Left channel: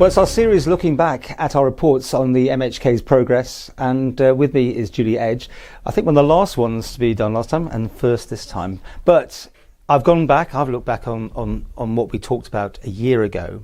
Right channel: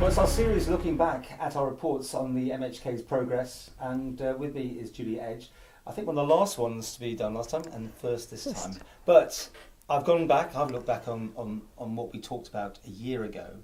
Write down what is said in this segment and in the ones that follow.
Well, it's our series looking back at our reports on the MHK's progress, and with me is Julie Edge. I think one of the last ones to be done last time and first this time. But I've gone back, I've looked back on what we talked about a year ago,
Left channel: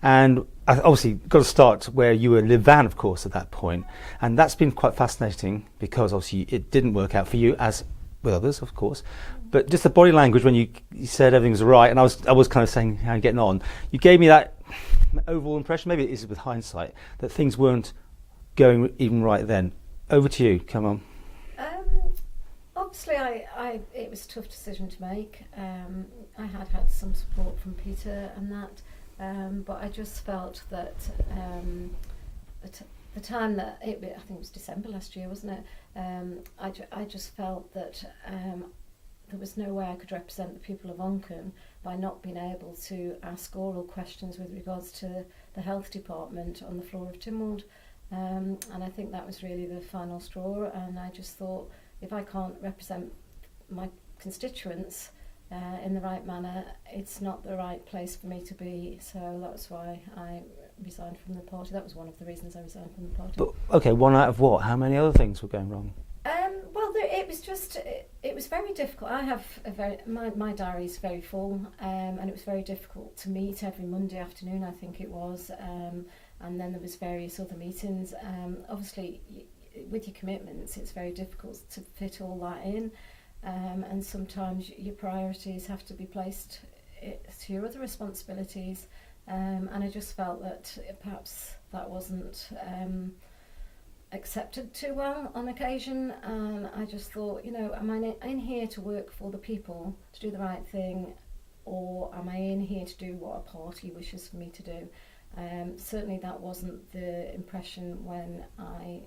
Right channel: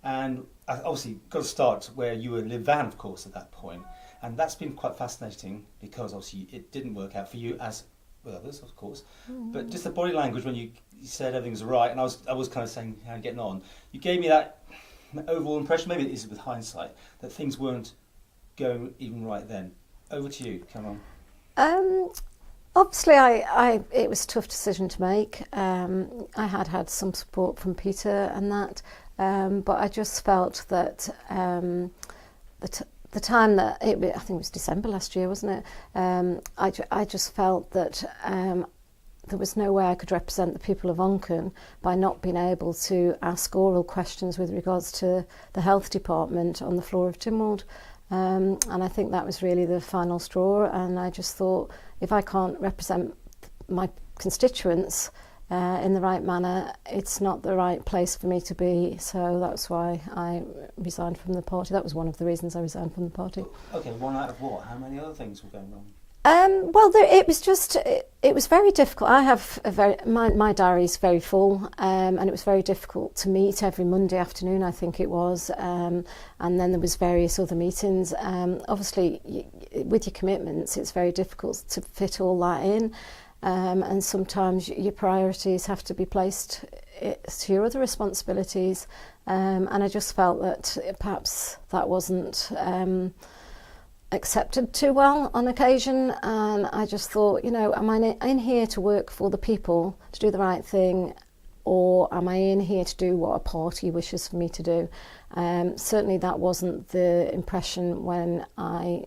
and I obviously got to start where you were in Vib-Van, of course, at that point. And that's been quite fascinating because obviously it didn't work out for you, as with others, of course. But just the body language when you said everything was right, and I was kind of saying, how are you getting on? You gave me that overall impression, maybe it is with hindsight, that things weren't going even right then. Over to you, come on. Obviously, it was a tough decision to make. I had some support from Peter and that, but I just felt that the time that I think it was December last year, wasn't it? I just felt that there was no way I could represent the people of Onchan by not being able to ask oral questions with regards to the health department on the floor of Tynwald. And I think that was really the final straw. And I just thought, if I can't represent my constituents in the right manner, it's not the right place for me to be. So that's why I resigned from the party. That was one of the reasons I resigned from the party. But, okay, one out of what? How many other things were going wrong? Well, it was very difficult. I have my diary is very full, and it was very difficult to meet every Monday afternoon, I think it was, and then there was various other meetings. Obviously, with your commitments, it's very difficult to fit all that in, and sometimes your priorities have to be placed to your other responsibilities, and I just felt that perhaps that wasn't accepted too well on occasion, and I just thought, you know, am I in here to work for the people, to do the right thing, or am I in here to do what a party wishes for me to do? Certainly that wasn't the impression when I,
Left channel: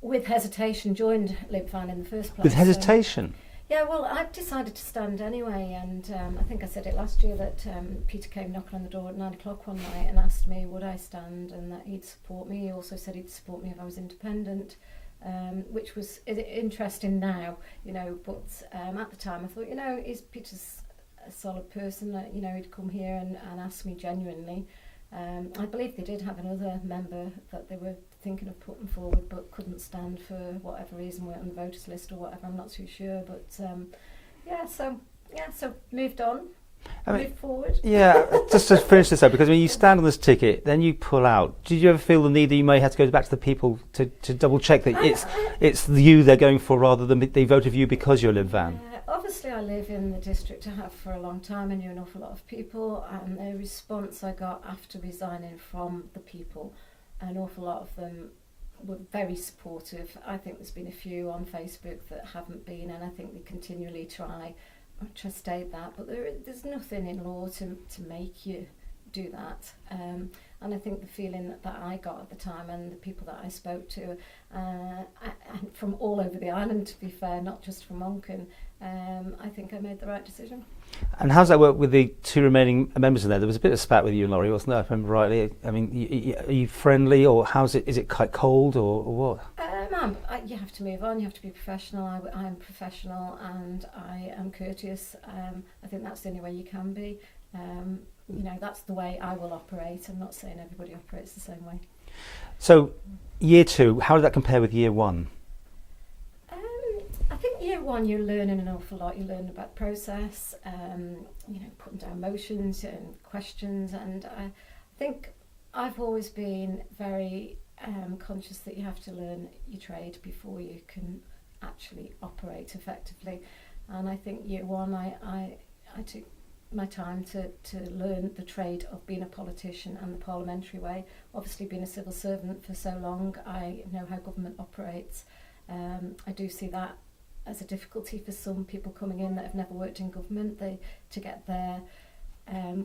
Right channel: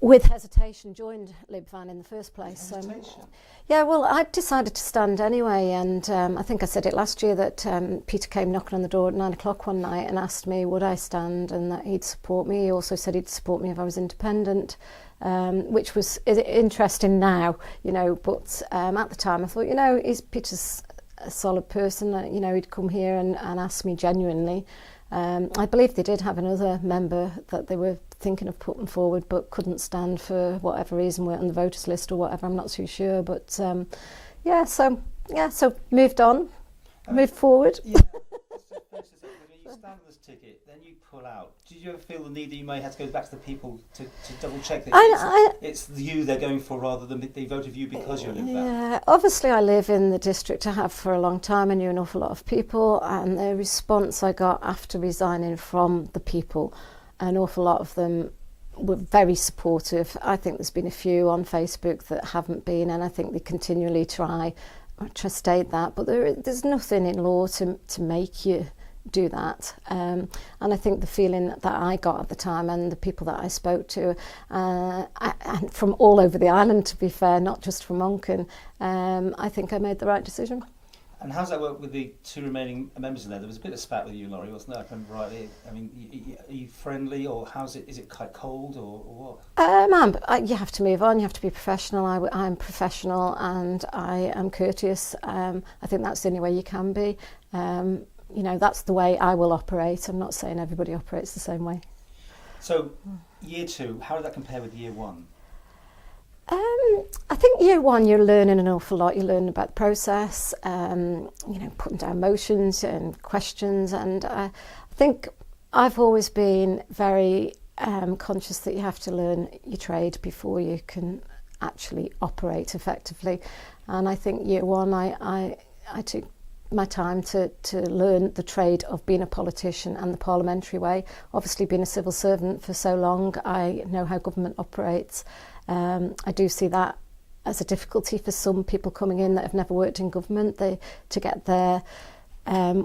with hesitation, joined Vib-Van in the first place. With hesitation? So, yeah, well, I decided to stand anyway, and I think I said it last year that Peter came knocking on the door at 9 o'clock one night and asked me would I stand and that he'd support me. He also said he'd support me if I was independent, which was interesting now, you know, but at the time I thought, you know, Peter's a solid person, you know, he'd come here and ask me genuinely. I believe they did have another member that they were thinking of putting forward but couldn't stand for whatever reason, weren't on the voters list or whatever, I'm not too sure, but so moved on, moved forward. Yeah, just to finish this up, because when you stand on this ticket, then you pull out. Did you ever feel the need that you may have to go back to the people to double check that it's you they're going for rather than they voted for you because you're Vib-Van? Yeah, obviously I live in the district, I have for a long time, and knew an awful lot of people, and the response I got after resigning from the people, an awful lot of them were very supportive. I think there's been a few on Facebook that haven't been, and I think they continually try to state that, but there's nothing in law to make you do that, and I think the feeling that I got at the time and the people that I spoke to, and from all over the island, to be fair, not just from Onchan, I think I made the right decision. And how's that work with the two remaining members in there? There was a bit of spat with you and Laurie, wasn't there, if I remember rightly? I mean, are you friendly, or how's it? Is it quite cold, or what? You have to move on, you have to be professional. I'm professional and I am courteous. I think that's the only way you can be. You know, that's the way I will operate. I'm not saying everybody operates the same way. So, year two, how did that compare with year one? I think year one you're learning an awful lot. You learn about the process, you know, putting down motions and questions, and I think I've always been very conscious that you have to learn your trade before you can actually operate effectively. And I think year one I took my time to learn the trade of being a politician and the parliamentary way. Obviously, being a civil servant for so long, I know how government operates. I do see that as a difficulty for some people coming in that have never worked in government, to get their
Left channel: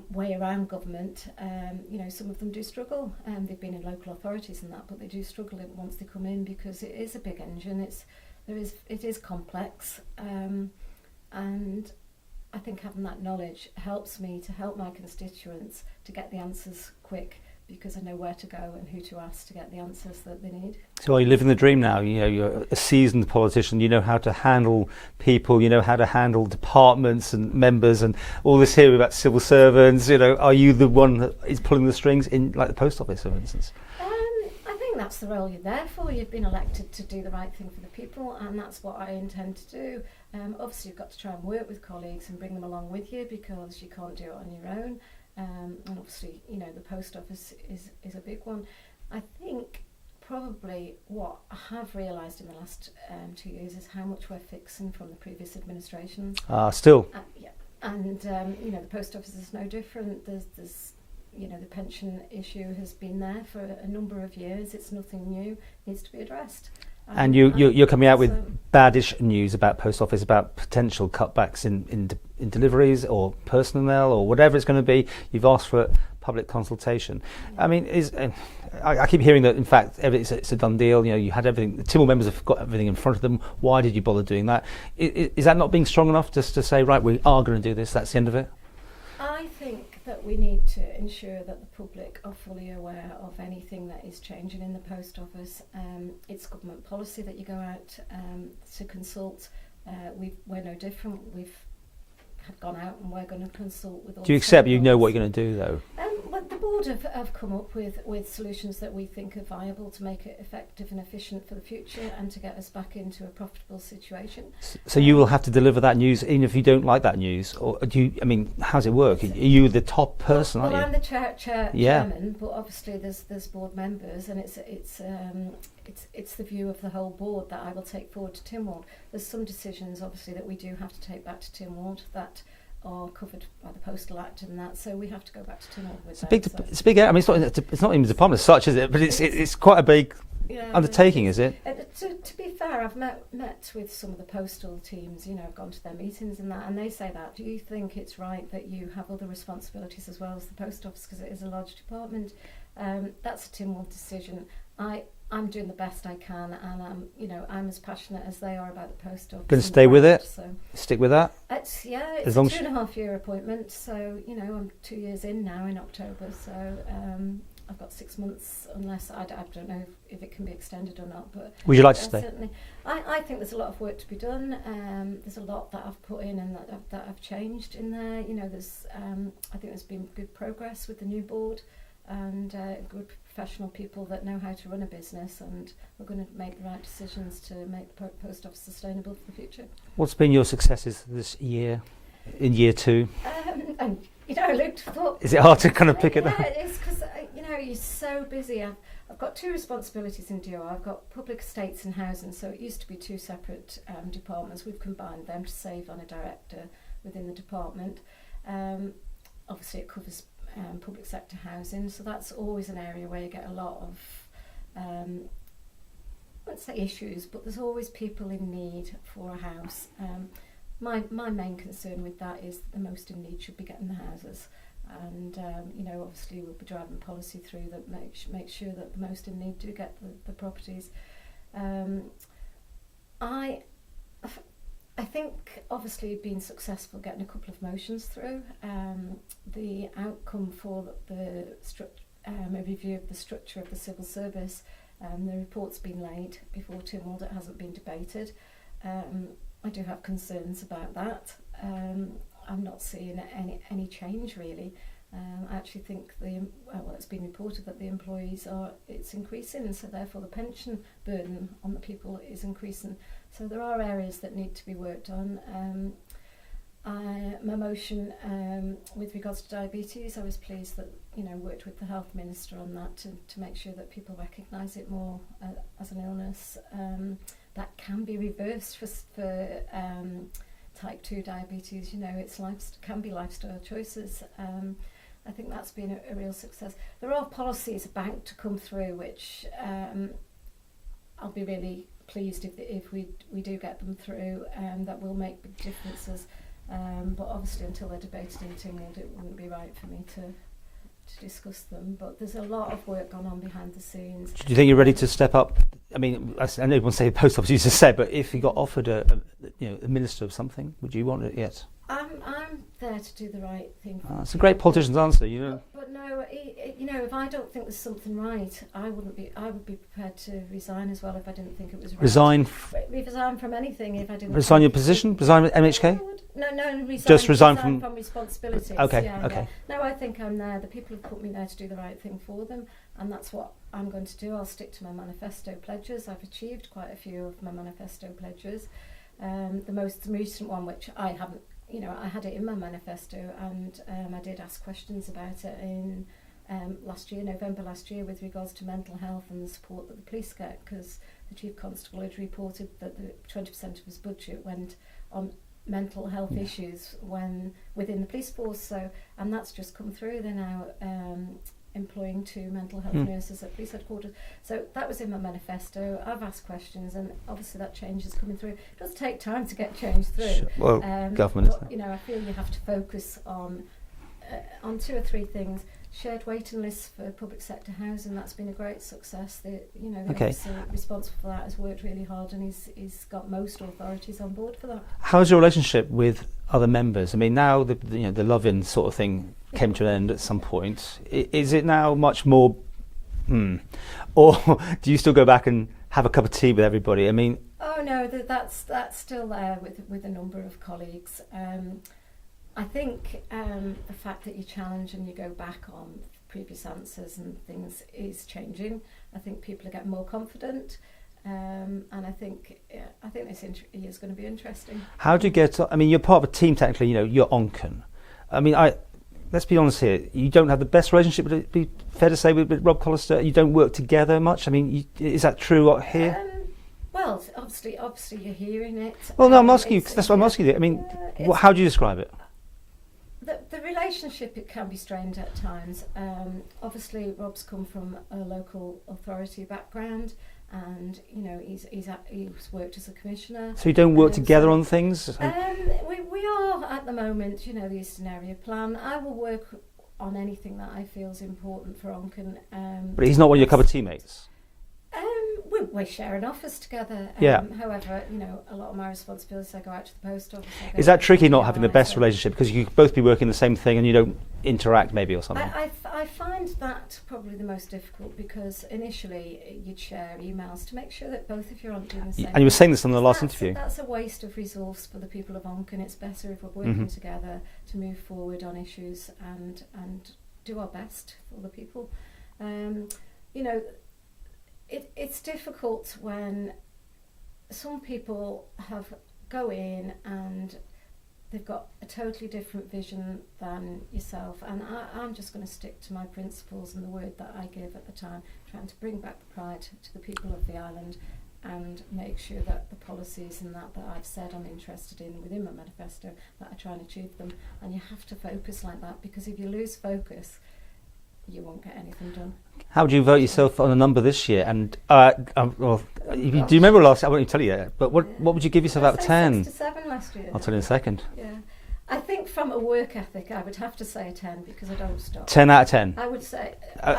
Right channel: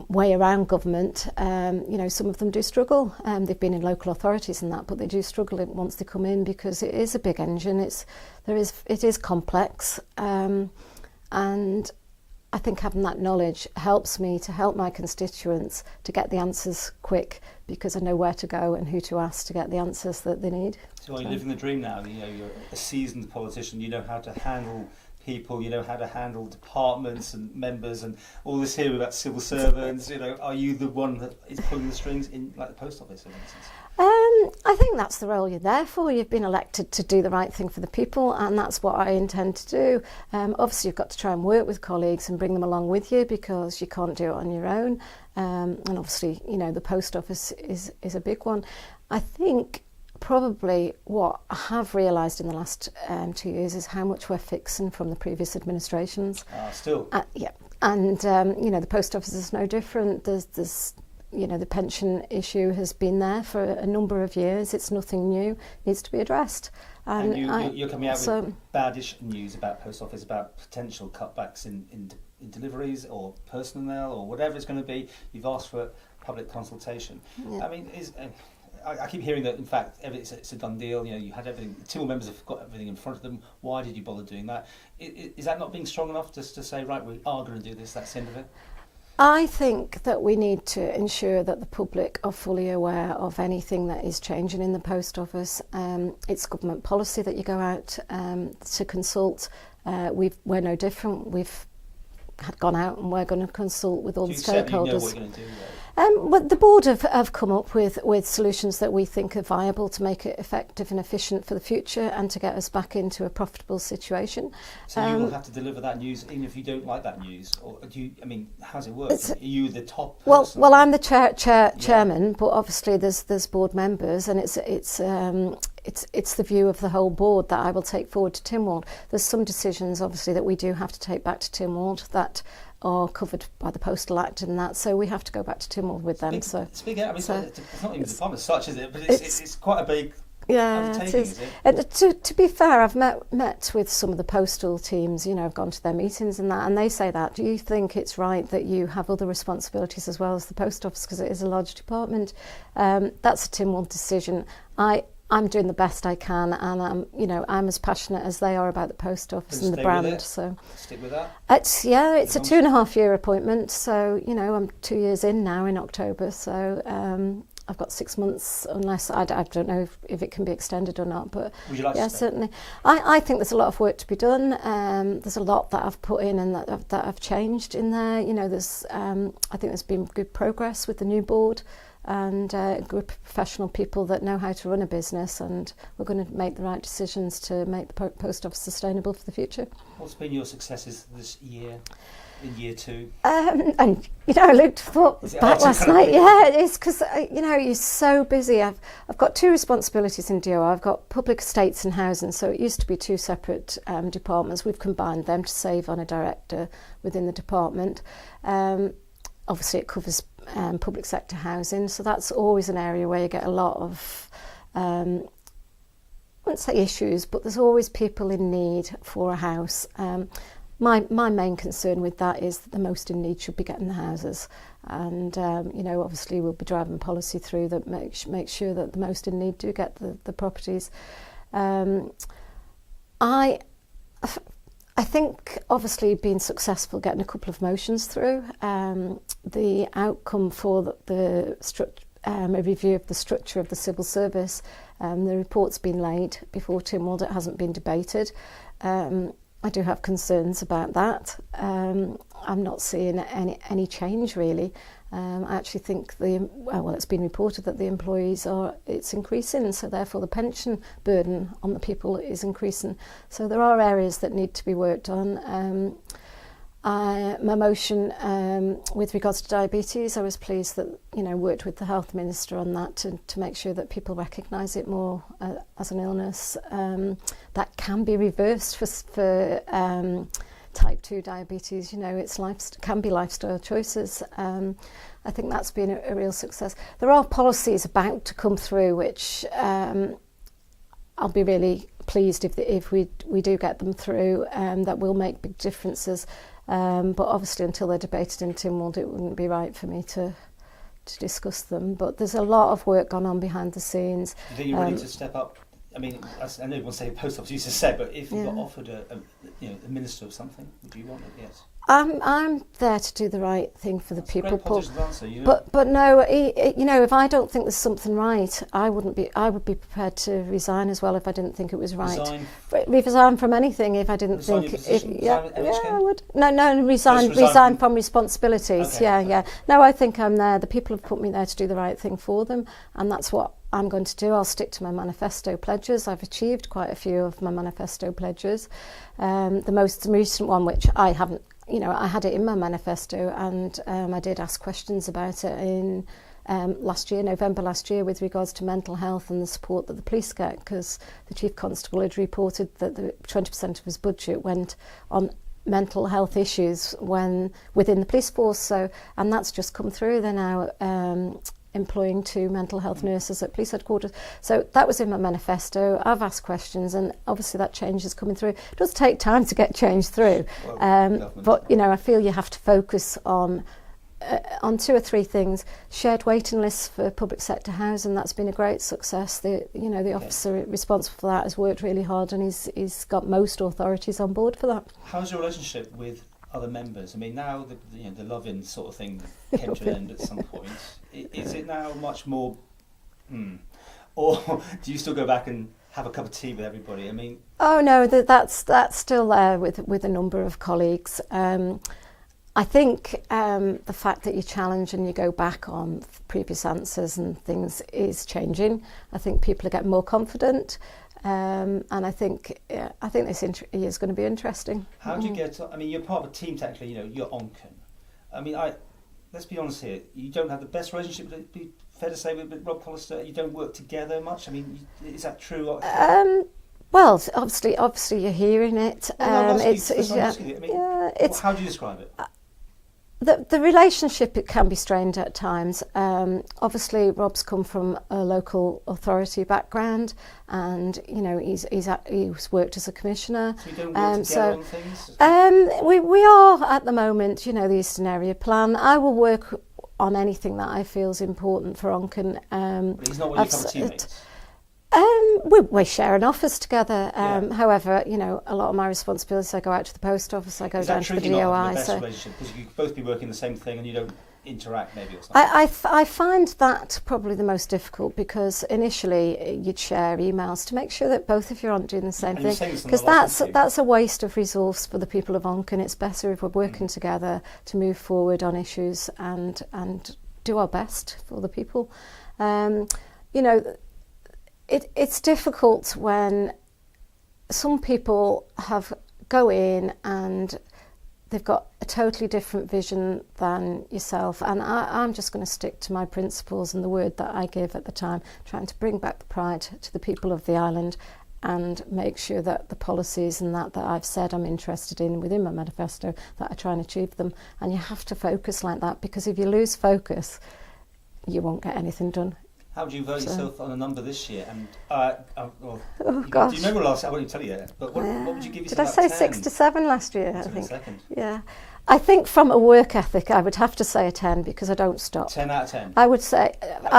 way around government. You know, some of them do struggle. They've been in local authorities and that, but they do struggle once they come in because it is a big engine. It is complex, and I think having that knowledge helps me to help my constituents to get the answers quick, because I know where to go and who to ask to get the answers that they need. So are you living the dream now? You know, you're a seasoned politician, you know how to handle people, you know how to handle departments and members and all this here about civil servants. You know, are you the one that is pulling the strings in, like the post office, for instance? I think that's the role you're there for. You've been elected to do the right thing for the people, and that's what I intend to do. Obviously, you've got to try and work with colleagues and bring them along with you, because you can't do it on your own. And obviously, you know, the post office is a big one. I think probably what I have realised in the last 2 years is how much we're fixing from the previous administrations. Still? Yeah. And, you know, the post office is no different. There's you know, the pension issue has been there for a number of years. It's nothing new. It needs to be addressed. And you're coming out with baddish news about post office, about potential cutbacks in deliveries or personnel or whatever it's going to be. You've asked for public consultation. Yeah. I mean, I keep hearing that, in fact, it's a done deal. You know, you had everything. The Tynwald members have got everything in front of them. Why did you bother doing that? Is that not being strong enough just to say, right, we are going to do this, that's the end of it? I think that we need to ensure that the public are fully aware of anything that is changing in the post office. It's government policy that you go out to consult. We're no different. We've gone out and we're going to consult with all the stakeholders. Do you accept you know what you're going to do, though? Well, the board have come up with solutions that we think are viable to make it effective and efficient for the future and to get us back into a profitable situation. So you will have to deliver that news even if you don't like that news? Or do you, I mean, how does it work? Are you the top person? Well, I'm the chairman, but obviously there's board members, and it's the view of the whole board that I will take forward to Tynwald. There's some decisions, obviously, that we do have to take back to Tynwald that are covered by the Postal Act and that, so we have to go back to Tynwald with them. It's big. I mean, it's not even a department as such, is it? But it's quite a big undertaking, is it? To be fair, I've met with some of the postal teams. You know, I've gone to their meetings and that, and they say that. Do you think it's right that you have other responsibilities as well as the post office, because it is a large department? That's a Tynwald decision. I'm doing the best I can, and I'm as passionate as they are about the post office. Going to stay with it? So stick with that? It's a 2.5 year appointment, so I'm 2 years in now in October, so I've got 6 months, unless I don't know if it can be extended or not. But would you like to stay? Certainly. I think there's a lot of work to be done. There's a lot that I've put in and that I've changed in there. You know, I think there's been good progress with the new board, and a group of professional people that know how to run a business, and we're going to make the right decisions to make the post office sustainable for the future. What's been your successes this year, in year two? And I looked for. Is it hard to kind of pick it is, because you're so busy. I've got two responsibilities in DO. I've got public estates and housing, so it used to be two separate departments. We've combined them to save on a director within the department. Obviously, it covers public sector housing, so that's always an area where you get a lot of, I wouldn't say issues, but there's always people in need for a house. My main concern with that is that the most in need should be getting the houses, and obviously we'll be driving policy through that make sure that the most in need do get the properties. I think obviously being successful getting a couple of motions through, the outcome for the a review of the structure of the civil service, the report's been laid before Tynwald, it hasn't been debated. I do have concerns about that. I'm not seeing any change really. I actually think it's been reported that the employees it's increasing, so therefore the pension burden on the people is increasing. So there are areas that need to be worked on. My motion with regards to diabetes, I was pleased that worked with the health minister on that to make sure that people recognise it more as an illness that can be reversed for type 2 diabetes. It can be lifestyle choices. I think that's been a real success. There are policies about to come through which I'll be really pleased if we do get them through, that will make big differences. But obviously until they're debated in Tynwald, it wouldn't be right for me to discuss them. But there's a lot of work gone on behind the scenes. Do you think you're ready to step up? I mean, I know everyone say post office used to say, but if you got offered a minister of something? Would you want it? Yes. I'm there to do the right thing for the That's people. a great politician's answer. But no, if I don't think there's something right, I would be prepared to resign as well if I didn't think it was right. Resign from anything if I didn't. Resign your position. Resign with MHK. Yeah, I would. No, resign from responsibilities. Okay, yeah. No, I think I'm there. The people have put me there to do the right thing for them, and that's what I'm going to do. I'll stick to my manifesto pledges. I've achieved quite a few of my manifesto pledges. The most recent one, which I haven't. I had it in my manifesto, and I did ask questions about it in November last year, with regards to mental health and the support that the police get, because the Chief Constable had reported that 20% of his budget went on mental health issues within the police force. And that's just come through. They're now employing 2 mental health nurses at police headquarters. So that was in my manifesto. I've asked questions, and obviously that change is coming through. It does take time to get change through. Well, government. But I feel you have to focus on 2 or 3 things. Shared waiting lists for public sector housing, that's been a great success. The officer responsible for that has worked really hard, and he's got most authorities on board for that. How's your relationship with other members? I mean, now the love-in sort of thing came to an end at some point. Is it now much more, or do you still go back and have a cup of tea with everybody? I mean, oh no, that's still there with a number of colleagues. I think the fact that you challenge and you go back on previous answers and things is changing. I think people are getting more confident. And I think this is going to be interesting. How do you get? I mean, you're part of a team technically. You're Onchan. I mean, let's be honest here. You don't have the best relationship. Would it be fair to say with Rob Collister? You don't work together much. I mean, is that true here? Well, obviously, you're hearing it. Well, no, I'm asking you. That's what I'm asking you. I mean, how do you describe it? The relationship, it can be strained at times. Obviously, Rob's come from a local authority background, and he's worked as a commissioner. So you don't work together on things? We are at the moment. The Eastern Area Plan. I will work on anything that I feel is important for Onchan. But he's not one of your cup of tea mates. We share an office together. However, a lot of my responsibilities, I go out to the post office. Is that tricky not having the best relationship, because you could both be working the same thing and you don't interact maybe or something? I find that probably the most difficult, because initially you'd share emails to make sure that both of you aren't doing the same thing. And you were saying this on the last interview. That's a waste of resource for the people of Onchan. It's better if we're working together to move forward on issues and do our best for the people. It's difficult when some people go in and they've got a totally different vision than yourself, and I'm just going to stick to my principles and the word that I give at the time, trying to bring back the pride to the people of the island and make sure that the policies and that I've said I'm interested in within my manifesto, that I try and achieve them. And you have to focus like that, because if you lose focus, you won't get anything done. How would you vote yourself on a number this year? And do you remember last? I won't tell you yet. But what would you give yourself out of 10? 6 to 7 last year. I'll tell you in a second. Yeah, I think from a work ethic, I would have to say a 10, because I don't stop. 10 out of 10. I would say.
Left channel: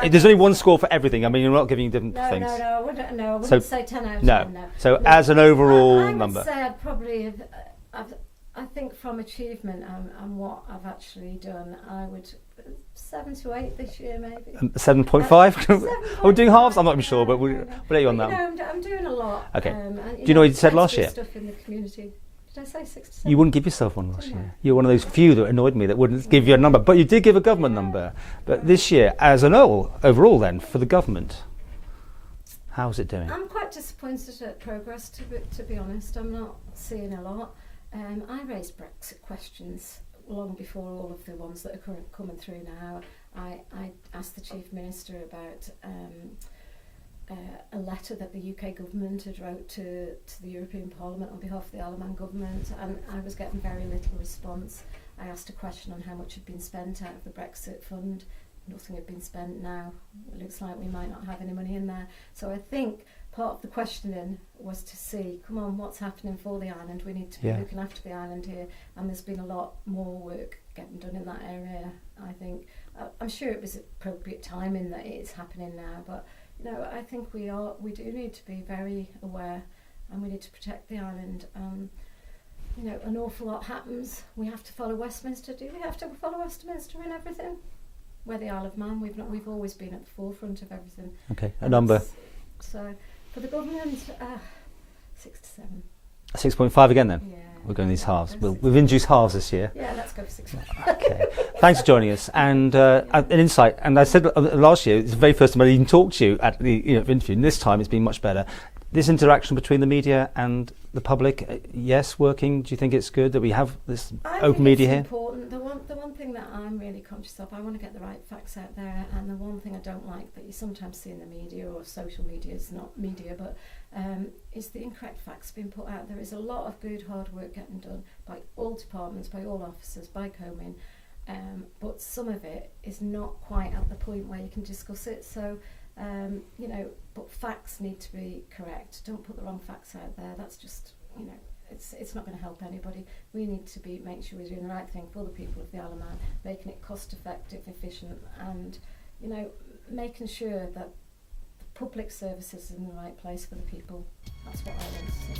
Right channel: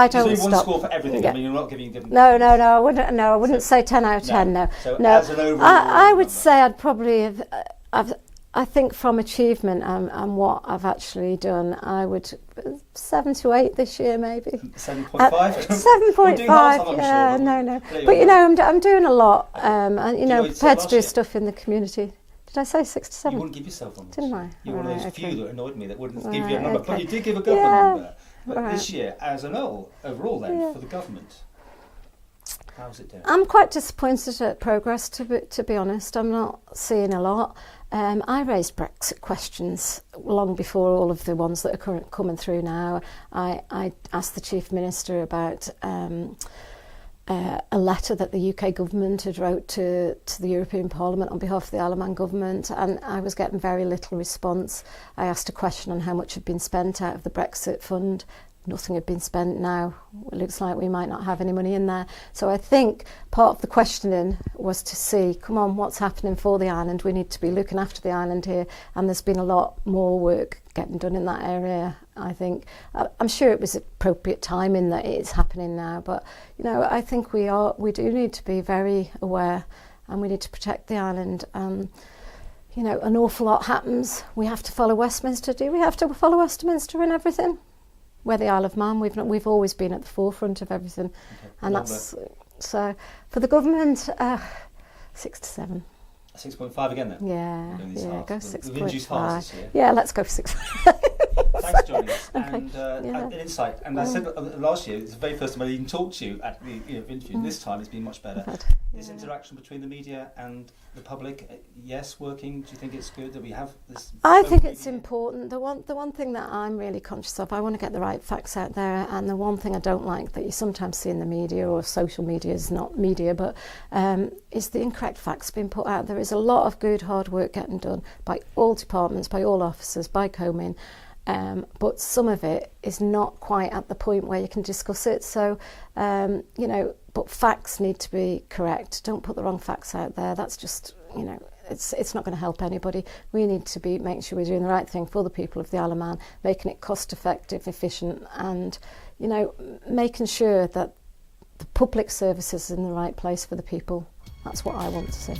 There's only one score for everything. Yeah. I mean, you're not giving different. No, I wouldn't. No, I wouldn't say 10 out of 10. No. So as an overall I would number. say I'd probably have. I think from achievement and what I've actually done, I would 7 to 8 this year, maybe. 7.5? 7.5. We're doing halves, I'm not sure. But no. But I'm doing a lot. Okay. And, do you know what you said last year? Stuff in the community. Did I say 6 to 7? You wouldn't give yourself one last year. I? You're one of those few that annoyed me that wouldn't give you a number. But you did give a government number. But this year, as an overall then, for the government, how's it doing? I'm quite disappointed at progress, to be honest. I'm not seeing a lot. I raised Brexit questions long before all of the ones that are coming through now. I asked the Chief Minister about a letter that the UK government had wrote to the European Parliament on behalf of the Isle of Man government, and I was getting very little response. I asked a question on how much had been spent out of the Brexit fund. Nothing had been spent now. It looks like we might not have any money in there. So I think part of the questioning was to see, come on, what's happening for the island? We need to be looking after the island here. And there's been a lot more work getting done in that area, I think. I'm sure it was appropriate timing that it is happening now. But, I think we do need to be very aware, and we need to protect the island. you know, an awful lot happens. We have to follow Westminster. Do we have to follow Westminster in everything? We're the Isle of Man. We've always been at the forefront of everything. Okay, a And number. So for the government, 6 to 7. 6.5 again then? Yeah. We're going these halves. go We've induced halves 6.5. this year. Yeah, let's go for 6. Okay. Thanks for joining us and an insight. And I said last year, it's the very first time I even talked to you at the interview. And this time it's been much better. This interaction between the media and the public, yes, working. Do you think it's good that we have this open media here? I think it's important. The one thing that I'm really conscious of, I want to get the right facts out there, and the one thing I don't like that you sometimes see in the media, or social media is not media, but is the incorrect facts being put out. There is a lot of good hard work getting done by all departments, by all officers, by Comin, but some of it is not quite at the point where you can discuss it. So, you know, but facts need to be correct. Don't put the wrong facts out there. That's just, you know, it's not going to help anybody. We need to be making sure we're doing the right thing for the people of the Isle of Man, making it cost effective, efficient, and, you know, making sure that the public services is in the right place for the people. That's what I want to see.